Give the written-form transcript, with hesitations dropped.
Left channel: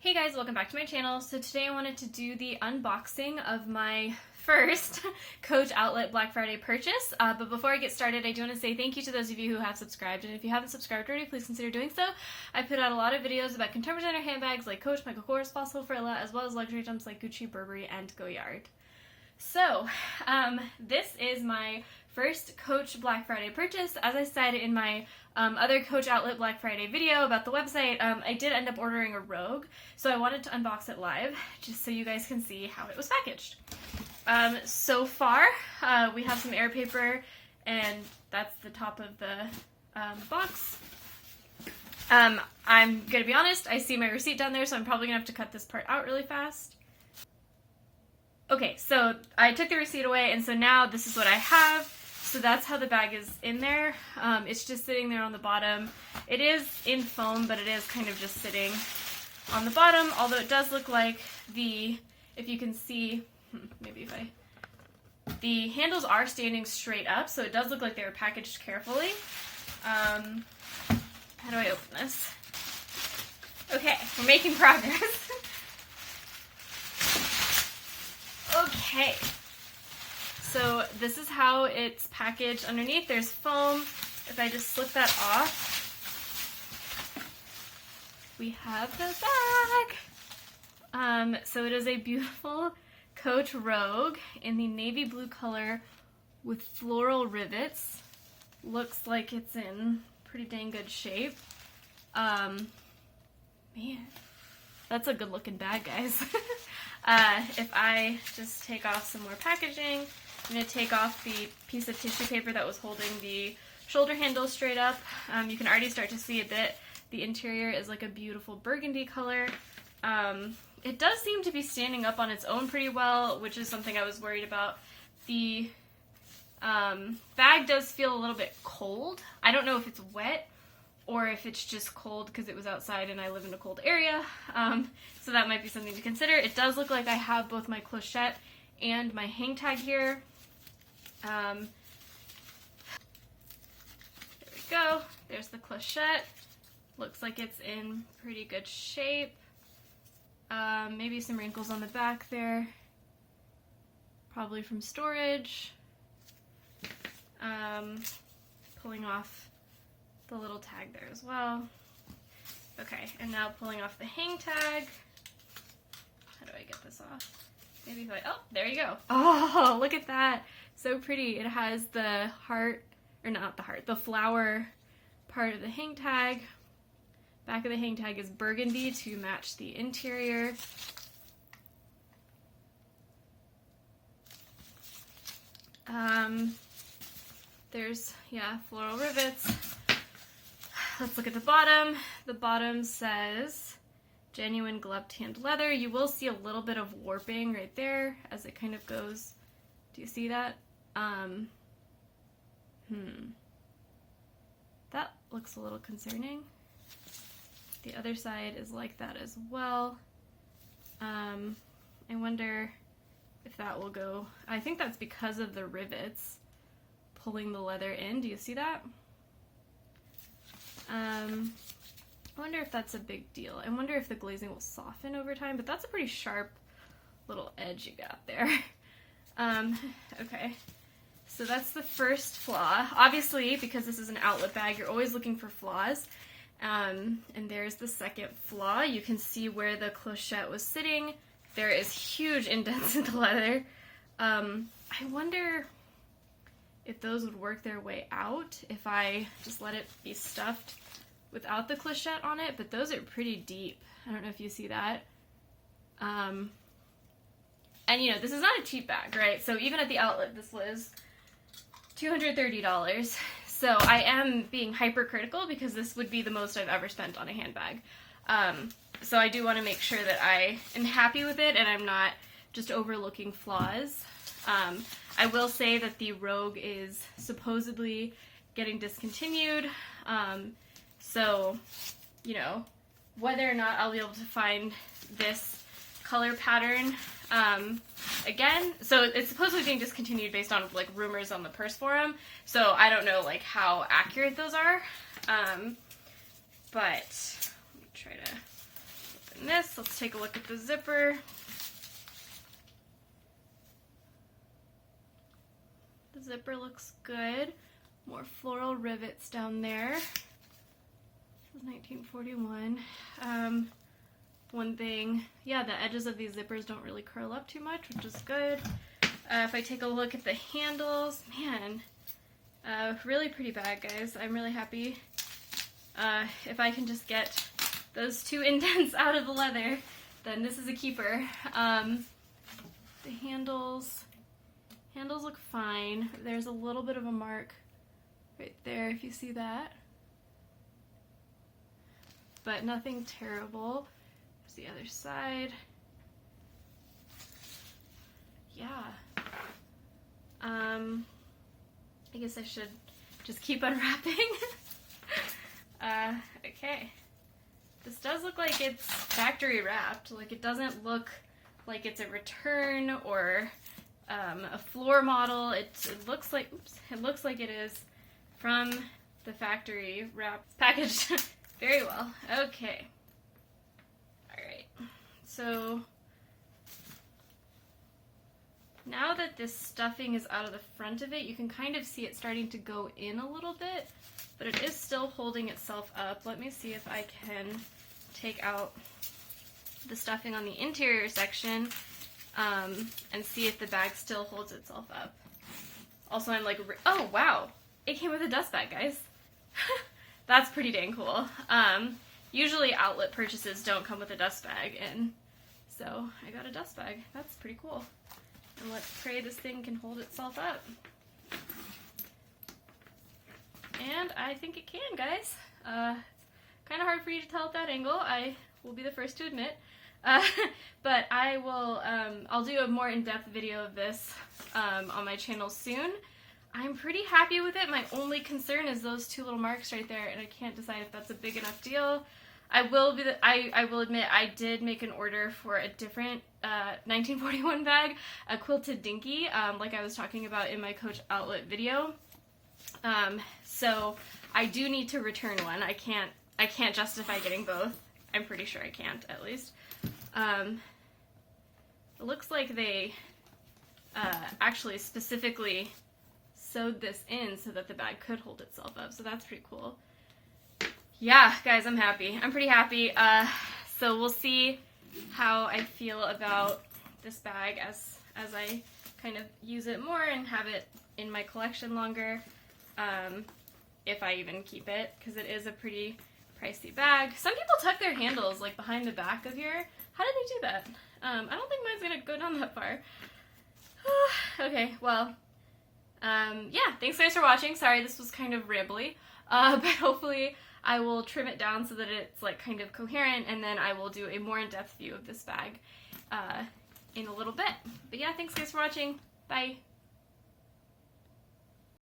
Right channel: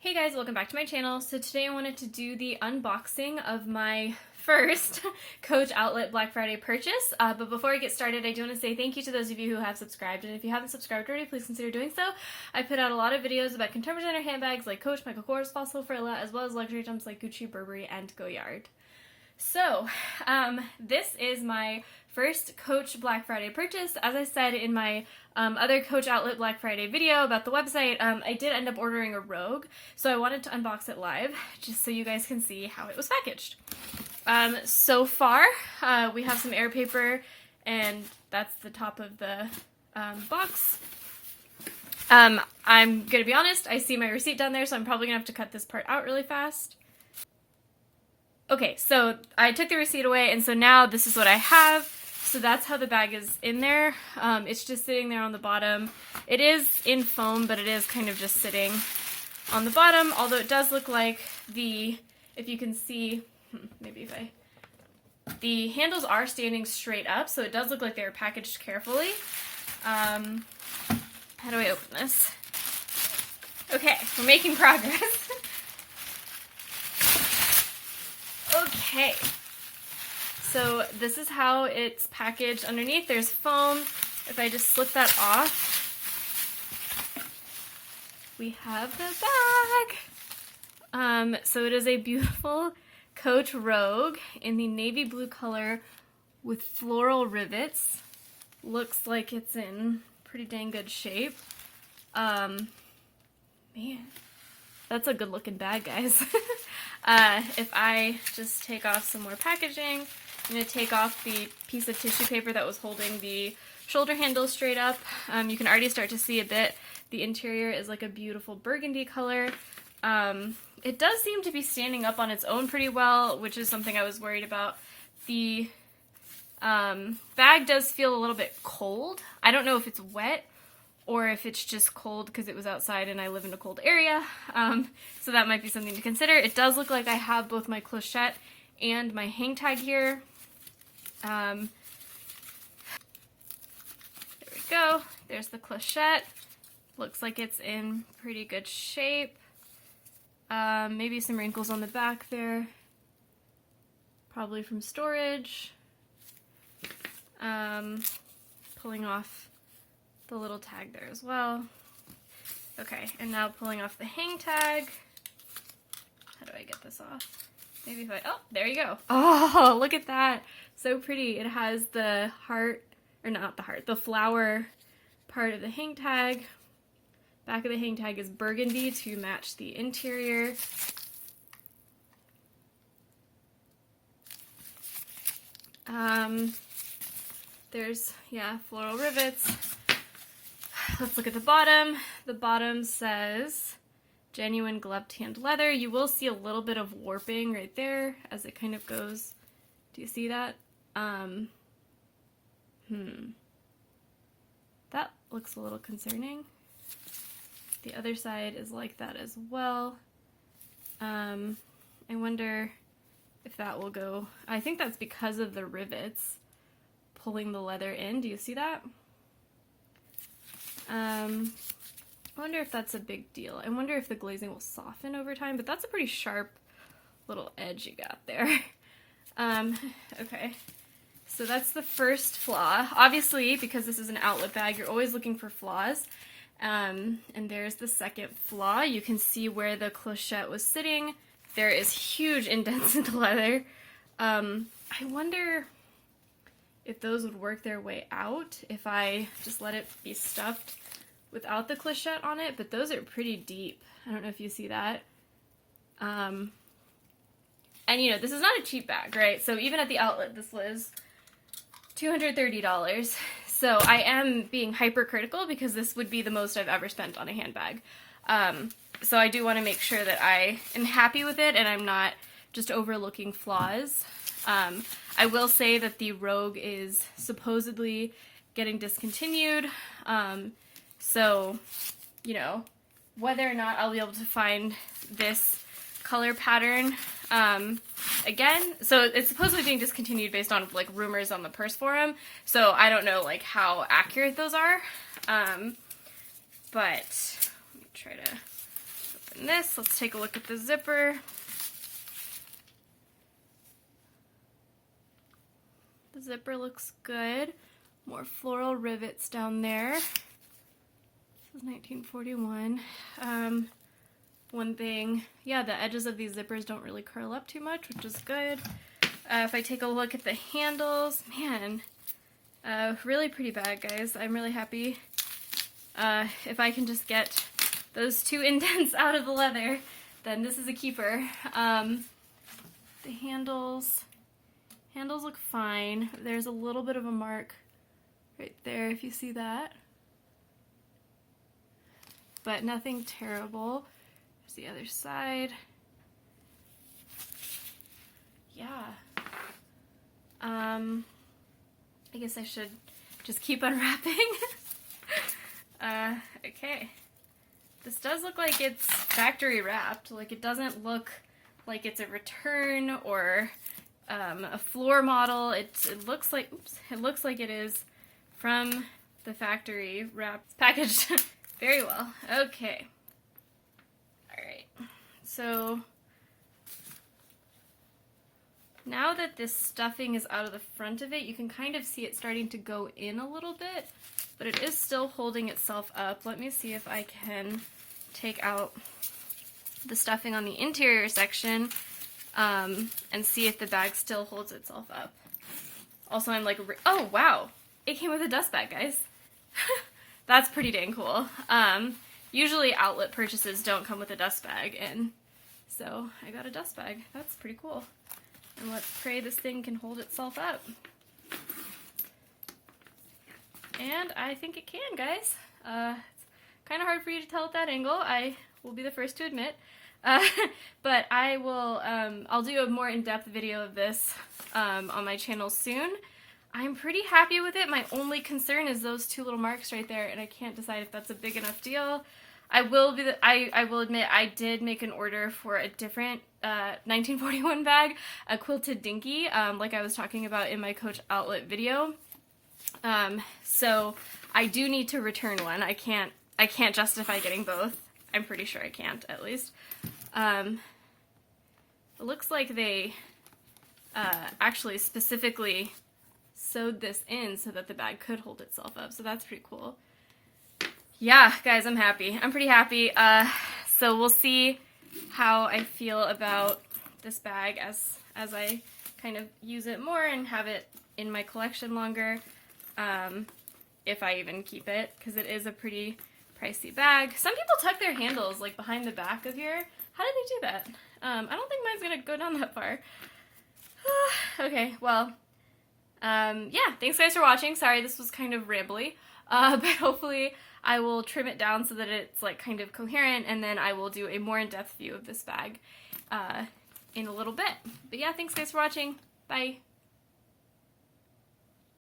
Hey guys, welcome back to my channel. So today I wanted to do the unboxing of my first Coach Outlet Black Friday purchase. But before I get started, I do want to say thank you to those of you who have subscribed. And if you haven't subscribed already, please consider doing so. I put out a lot of videos about contemporary designer handbags like Coach, Michael Kors, Fossil, Frilla, as well as luxury items like Gucci, Burberry, and Goyard. So, this is my first Coach Black Friday purchase. As I said in my other Coach Outlet Black Friday video about the website, I did end up ordering a Rogue, so I wanted to unbox it live, just so you guys can see how it was packaged. So far, we have some air paper, and that's the top of the box. I'm gonna be honest, I see my receipt down there, so I'm probably gonna have to cut this part out really fast. Okay, so I took the receipt away, and so now this is what I have. So that's how the bag is in there. It's just sitting there on the bottom. It is in foam, but it is kind of just sitting on the bottom, although it does look like if you can see, the handles are standing straight up, so it does look like they were packaged carefully. How do I open this? Okay, we're making progress. Okay, so this is how it's packaged underneath. There's foam. If I just slip that off, we have the bag. So it is a beautiful Coach Rogue in the navy blue color with floral rivets. Looks like it's in pretty dang good shape. Man, that's a good looking bag, guys. If I just take off some more packaging, I'm going to take off the piece of tissue paper that was holding the shoulder handle straight up. You can already start to see a bit. The interior is like a beautiful burgundy color. It does seem to be standing up on its own pretty well, which is something I was worried about. The bag does feel a little bit cold. I don't know if it's wet or if it's just cold because it was outside and I live in a cold area. So that might be something to consider. It does look like I have both my clochette and my hang tag here. There we go. There's the clochette. Looks like it's in pretty good shape. Maybe some wrinkles on the back there. Probably from storage. Pulling off the little tag there as well. Okay, and now pulling off the hang tag. How do I get this off? Maybe if oh, there you go. Oh, look at that. So pretty. It has the heart, or not the heart, the flower part of the hang tag. Back of the hang tag is burgundy to match the interior. There's, floral rivets. Let's look at the bottom. The bottom says genuine gloved tanned leather. You will see a little bit of warping right there as it kind of goes. Do you see that? That looks a little concerning. The other side is like that as well. I wonder if that will go. I think that's because of the rivets pulling the leather in. Do you see that? I wonder if that's a big deal. I wonder if the glazing will soften over time, but that's a pretty sharp little edge you got there. Okay, so that's the first flaw. Obviously, because this is an outlet bag, you're always looking for flaws. And there's the second flaw. You can see where the clochette was sitting. There is huge indents in the leather. I wonder if those would work their way out if I just let it be stuffed without the clochette on it, but those are pretty deep. I don't know if you see that. And this is not a cheap bag, right? So even at the outlet, this was $230. So I am being hypercritical because this would be the most I've ever spent on a handbag. So I do want to make sure that I am happy with it and I'm not just overlooking flaws. I will say that the Rogue is supposedly getting discontinued. So, whether or not I'll be able to find this color pattern again. So it's supposedly being discontinued based on rumors on the purse forum. So I don't know how accurate those are. But let me try to open this. Let's take a look at the zipper. The zipper looks good. More floral rivets down there. This is 1941. One thing, yeah, the edges of these zippers don't really curl up too much, which is good. If I take a look at the handles, man, really pretty bag, guys. I'm really happy. If I can just get those 2 indents out of the leather, then this is a keeper. The handles look fine. There's a little bit of a mark right there, if you see that. But nothing terrible. There's the other side. Yeah. I guess I should just keep unwrapping. Okay. This does look like it's factory wrapped. Like, it doesn't look like it's a return or a floor model. It looks like, oops, it looks like it is from the factory wrapped. It's packaged very well. Okay. Alright. So now that this stuffing is out of the front of it, you can kind of see it starting to go in a little bit, but it is still holding itself up. Let me see if I can take out the stuffing on the interior section and see if the bag still holds itself up. Also, I'm like, oh wow, it came with a dust bag, guys. That's pretty dang cool. Usually outlet purchases don't come with a dust bag, and so I got a dust bag. That's pretty cool. And let's pray this thing can hold itself up. And I think it can, guys. It's kind of hard for you to tell at that angle, I will be the first to admit. But I will, I'll do a more in-depth video of this on my channel soon. I'm pretty happy with it. My only concern is those 2 little marks right there, and I can't decide if that's a big enough deal. I will admit I did make an order for a different 1941 bag, a quilted dinky, like I was talking about in my Coach Outlet video. So I do need to return one. I can't justify getting both. I'm pretty sure I can't, at least. It looks like they actually specifically sewed this in so that the bag could hold itself up, so that's pretty cool. Yeah, guys, I'm happy. I'm pretty happy. So we'll see how I feel about this bag as I kind of use it more and have it in my collection longer, if I even keep it, because it is a pretty pricey bag. Some people tuck their handles like behind the back of here. How did they do that? I don't think mine's gonna go down that far. Okay, well, yeah, thanks guys for watching. Sorry this was kind of rambly, but hopefully I will trim it down so that it's like kind of coherent, and then I will do a more in-depth view of this bag in a little bit. But yeah, thanks guys for watching. Bye.